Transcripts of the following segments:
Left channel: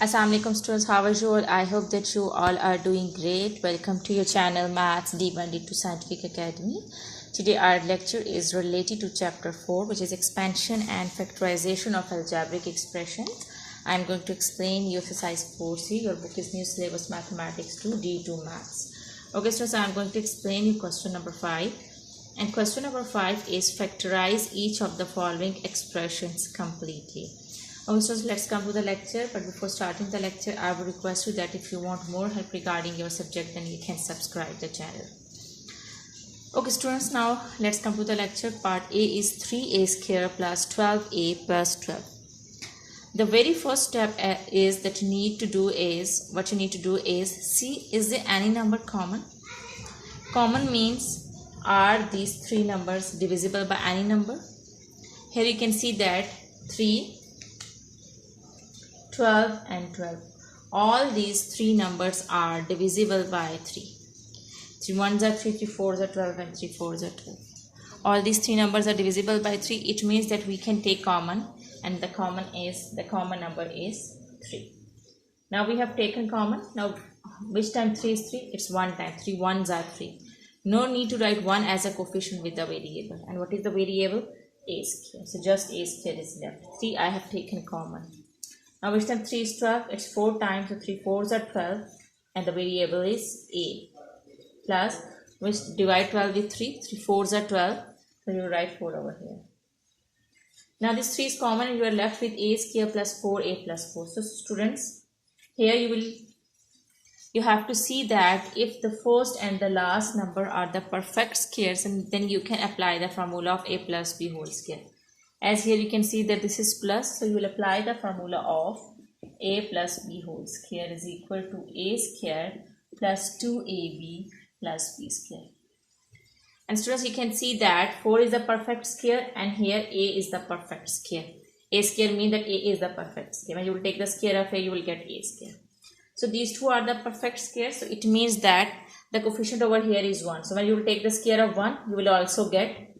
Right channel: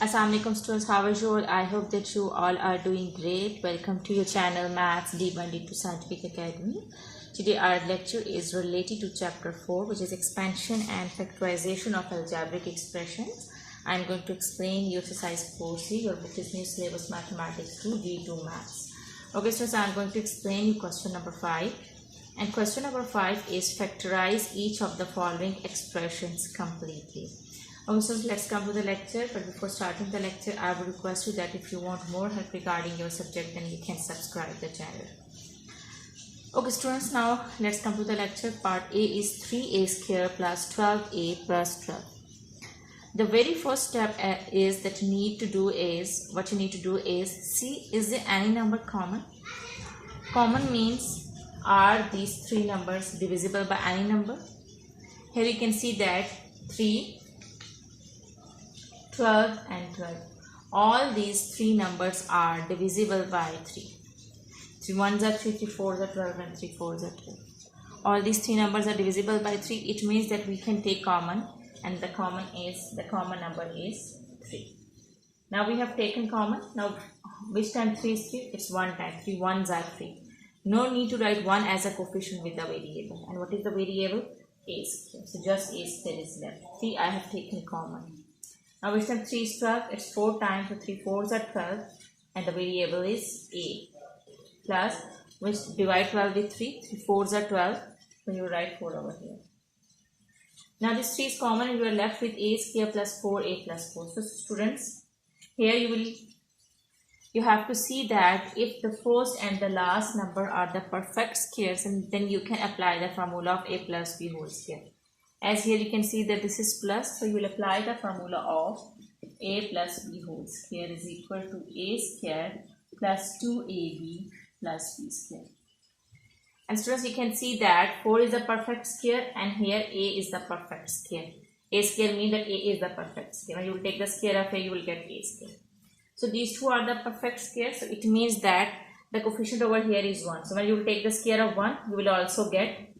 Assalamualaikum students, how are you all? I hope that you all are doing great. Welcome to your channel Maths D1 D2 Scientific Academy. Today our lecture is related to chapter 4, which is expansion and factorization of algebraic expressions. I am going to explain you exercise 4C. Your book is New Syllabus Mathematics 2 D2 Maths. Okay students, I am going to explain you question number 5. And question number 5 is factorize each of the following expressions completely. Okay, so let's come to the lecture. But before starting the lecture, I would request you that if you want more help regarding your subject, then you can subscribe the channel. Okay, students, now let's come to the lecture. Part A is 3a square plus 12a plus 12. The very first step is that you need to do is, what you need to do is see, is there any number common? Common means, are these three numbers divisible by any number? Here you can see that 3, 12 and 12. All these three numbers are divisible by 3. 3 1s are 3, 3 4s are 12 and 3 4s are 12. All these three numbers are divisible by 3. It means that we can take common, and the common number is 3. Now we have taken common. Now which time 3 is 3? It's 1 time. 3 1s are 3. No need to write 1 as a coefficient with the variable. And what is the variable? A square. So just a square is left. 3 I have taken common. Now which time 3 is 12? It's 4 times, so 3 4s are 12 and the variable is a. Plus, which divide 12 with 3? 3 4s are 12, so you write 4 over here. Now this 3 is common and you are left with a square plus 4a plus 4. So students, here you have to see that if the first and the last number are the perfect squares, and then you can apply the formula of a plus b whole square. As here you can see that this is plus, so you will apply the formula of a plus b whole square is equal to a square plus 2ab plus b square. And students, you can see that 4 is the perfect square and here a is the perfect square. A square means that a is the perfect square. When you will take the square of a, you will get a square. So these two are the perfect squares. So it means that the coefficient over here is 1. So when you will take the square of 1, you will also get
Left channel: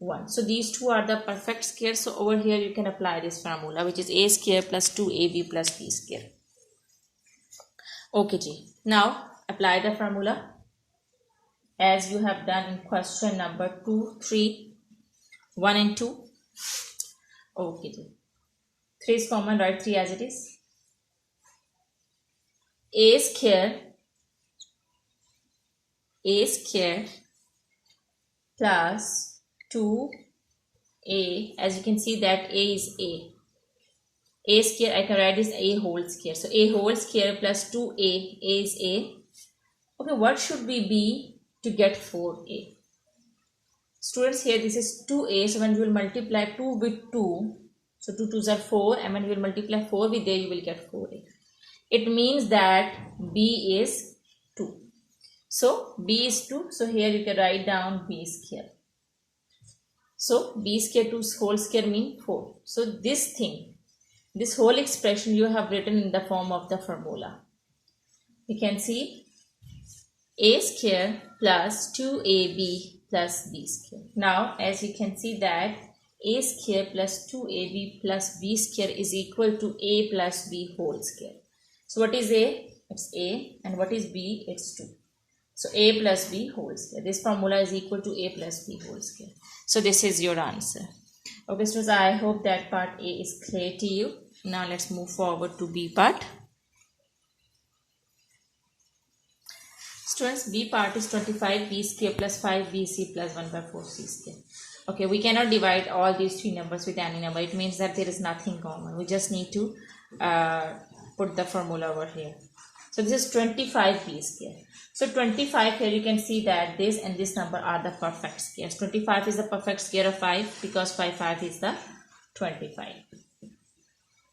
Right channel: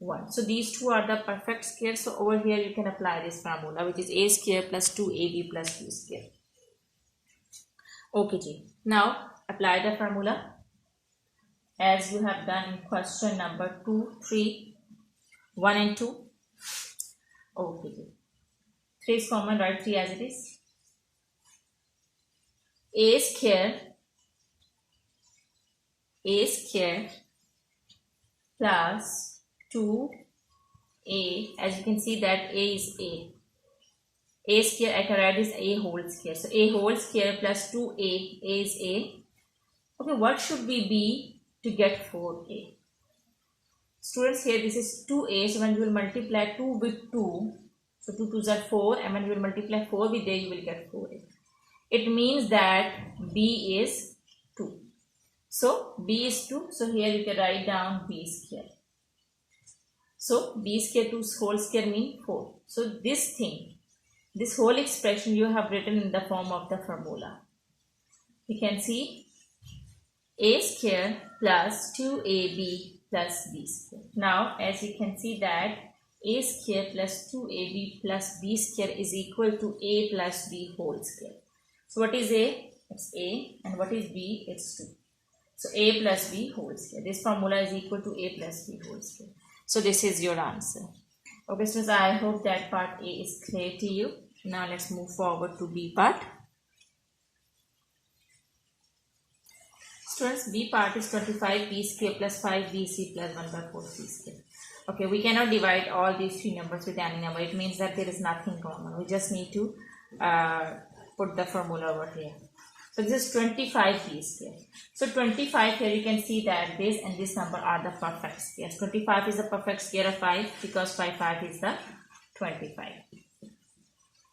1. So these two are the perfect squares. So over here you can apply this formula, which is a square plus 2ab plus b square. Okay ji. Now apply the formula as you have done in question number 2, 3, 1 and 2. Okay ji. 3 is common, write 3 as it is. A square plus 2a, as you can see that a is a square, I can write this a whole square. So a whole square plus 2a, a is a. Okay, what should we be to get 4a? Students, here this is 2a, so when you will multiply 2 with 2, so 2 2s are 4, and when you will multiply 4 with a, you will get 4a. It means that b is 2. So b is 2, so here you can write down b square. So b square 2 whole square mean 4. So this whole expression you have written in the form of the formula. You can see a square plus 2ab plus b square. Now as you can see that a square plus 2ab plus b square is equal to a plus b whole square. So what is a? It's a, and what is b? It's 2. So a plus b whole square. This formula is equal to a plus b whole square. So this is your answer. Okay students, I hope that part A is clear to you. Now let's move forward to B part. Students, B part is 25b square plus 5bc plus 1 by 4c square. Okay, we cannot divide all these three numbers with any number. It means that there is nothing common. We just need to put the formula over here. So this is 25b square. So 25, here you can see that this and this number are the perfect squares. 25 is the perfect square of 5 because 5 is the 25.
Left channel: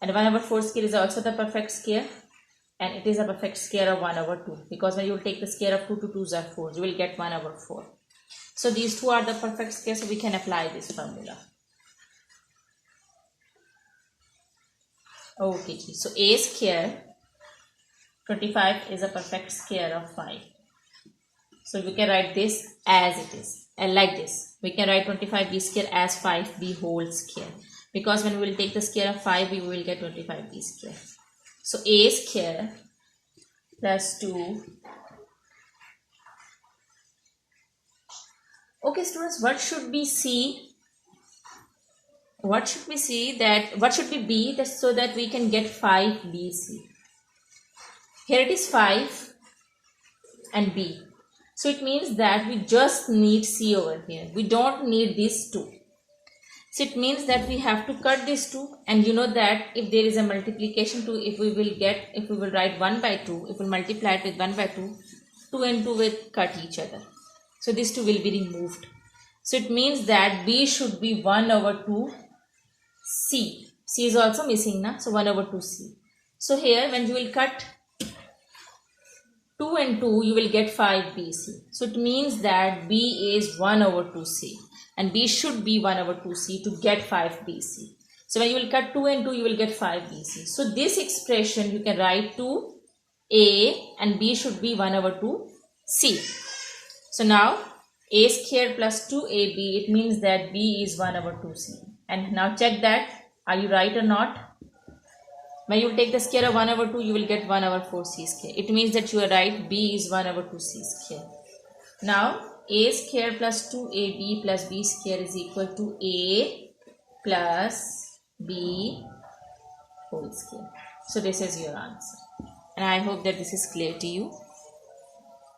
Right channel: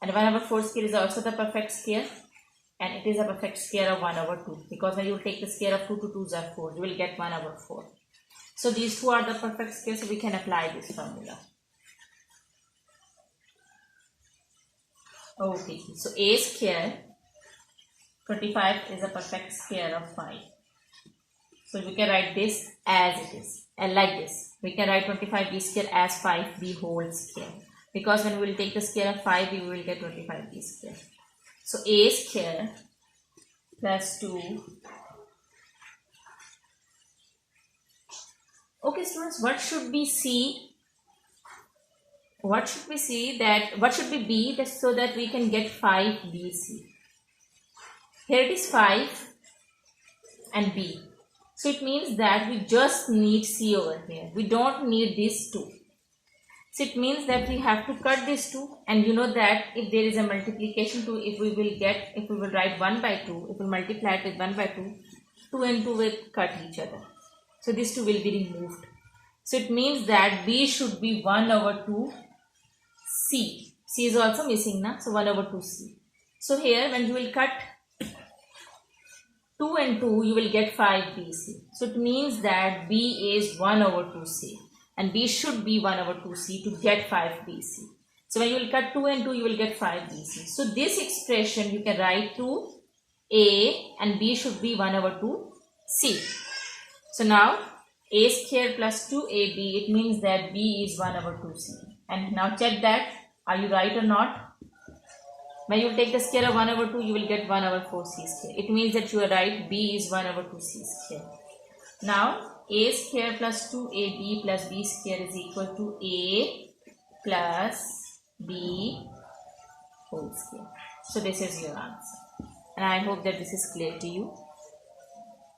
And 1 over 4 square is also the perfect square, and it is a perfect square of 1 over 2 because when you take the square of 2 to 2s are 4, you will get 1 over 4. So these two are the perfect squares, so we can apply this formula. Okay, so a square 25 is a perfect square of 5. So we can write this as it is, and like this. We can write 25b square as 5b whole square. Because when we will take the square of 5b, we will get 25b square. So a square plus 2. Okay, students, what should be C? What should we see that, what should be B, that so that we can get 5BC? Here it is 5 and B. So it means that we just need C over here. We don't need these two. So it means that we have to cut these two, and you know that if there is a multiplication 2, if we will write 1 by 2, if we multiply it with 1 by 2, 2 and 2 will cut each other. So these two will be removed. So it means that B should be 1 over 2 C. C is also missing now. So 1 over 2 C. So here when you will cut 2 and 2, you will get 5BC. So it means that B is 1 over 2C. And B should be 1 over 2C to get 5BC. So when you will cut 2 and 2, you will get 5BC. So this expression you can write to A, and B should be 1 over 2C. So now A square plus 2AB, it means that B is 1 over 2C. And now check that, are you right or not? When you take the square of 1 over 2, you will get 1 over 4C square. It means that you are right, B is 1 over 2C square. Now A square plus 2AB plus B square is equal to A plus B whole square. So this is your answer. And I hope that this is clear to you.